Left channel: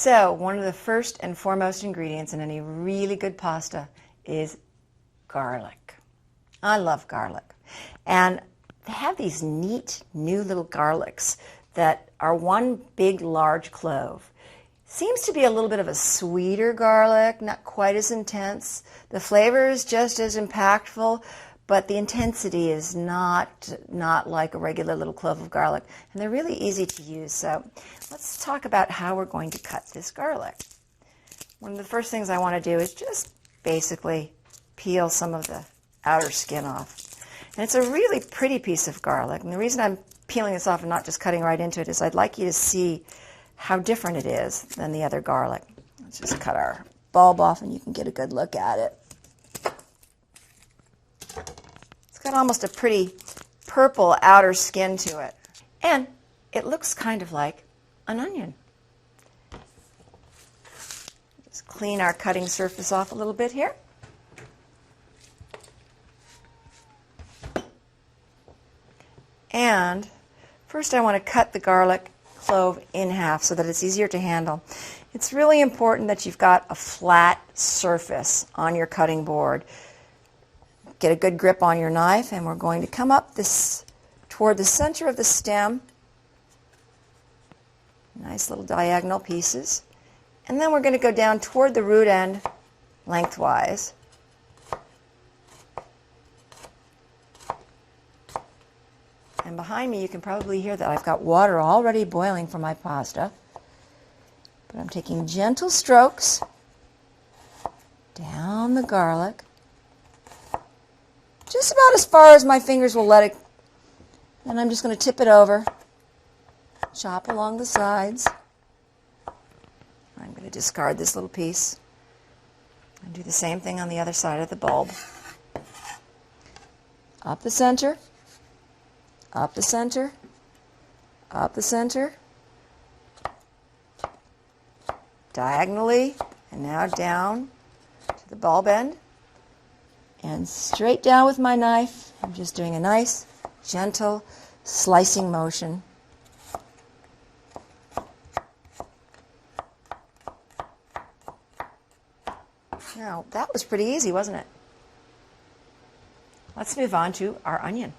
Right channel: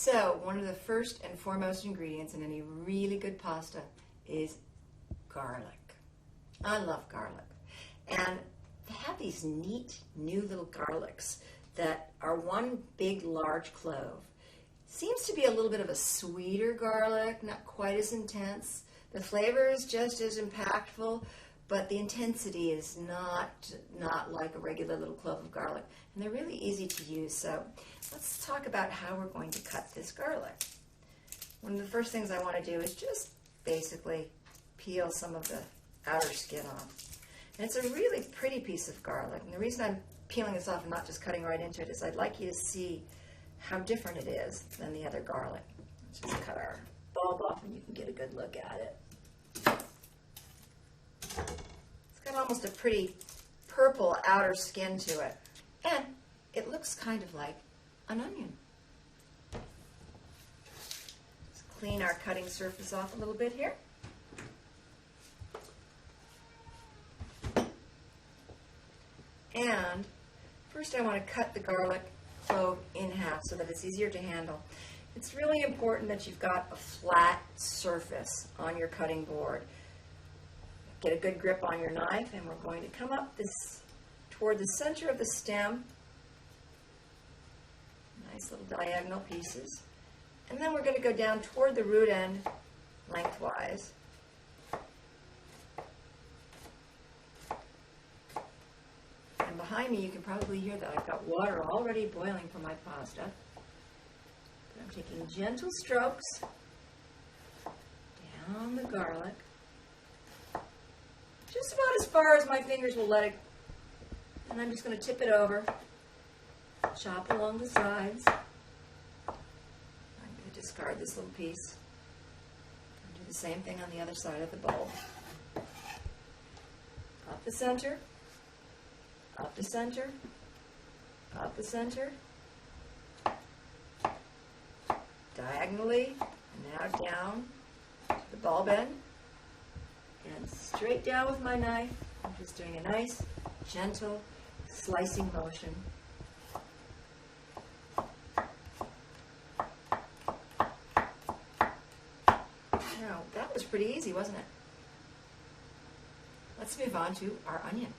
So one of the first and foremost ingredients in any really good pasta is garlic. I love garlic. And they have these neat new little garlics that are one big large clove. Seems to be a little bit of a sweeter garlic, not quite as intense. The flavor is just as impactful, but the intensity is not like a regular little clove of garlic. And they're really easy to use. So let's talk about how we're going to cut this garlic. One of the first things I want to do is just basically peel some of the outer skin off. And it's a really pretty piece of garlic. And the reason I'm peeling this off and not just cutting right into it is I'd like you to see how different it is than the other garlic. Let's just cut our bulb off and you can get a good look at it. It's got almost a pretty purple outer skin to it. And it looks kind of like an onion. Let's clean our cutting surface off a little bit here. And first I want to cut the garlic clove in half so that it's easier to handle. It's really important that you've got a flat surface on your cutting board. Get a good grip on your knife, and we're going to come up this toward the center of the stem. Nice little diagonal pieces. And then we're going to go down toward the root end lengthwise. And behind me you can probably hear that I've got water already boiling for my pasta. But I'm taking gentle strokes down the garlic, just about as far as my fingers will let it. And I'm just going to tip it over, chop along the sides. I'm going to discard this little piece and do the same thing on the other side of the bulb. Up the center. Up the center, up the center, diagonally, and now down to the bulb end, and straight down with my knife. I'm just doing a nice, gentle slicing motion. Now, that was pretty easy, wasn't it? Let's move on to our onion.